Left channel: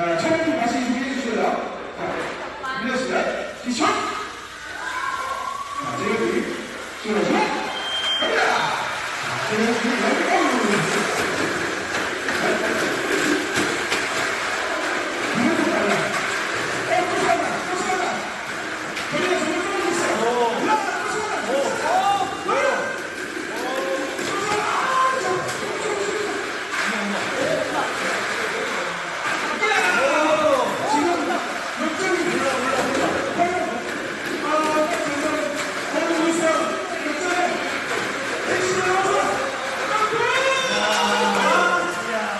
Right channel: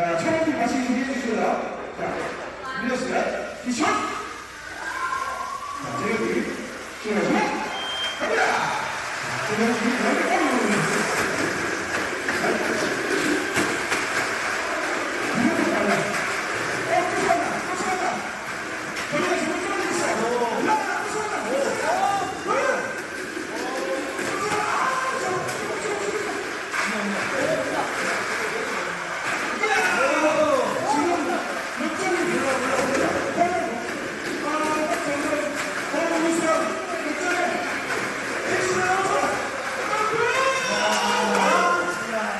자, 촬영 좀 다시 준비해 주실래요? 자, 밀렸습니다. 기초! 자, 내려주기. 시원하죠? 갑니다! 자, 내려주기.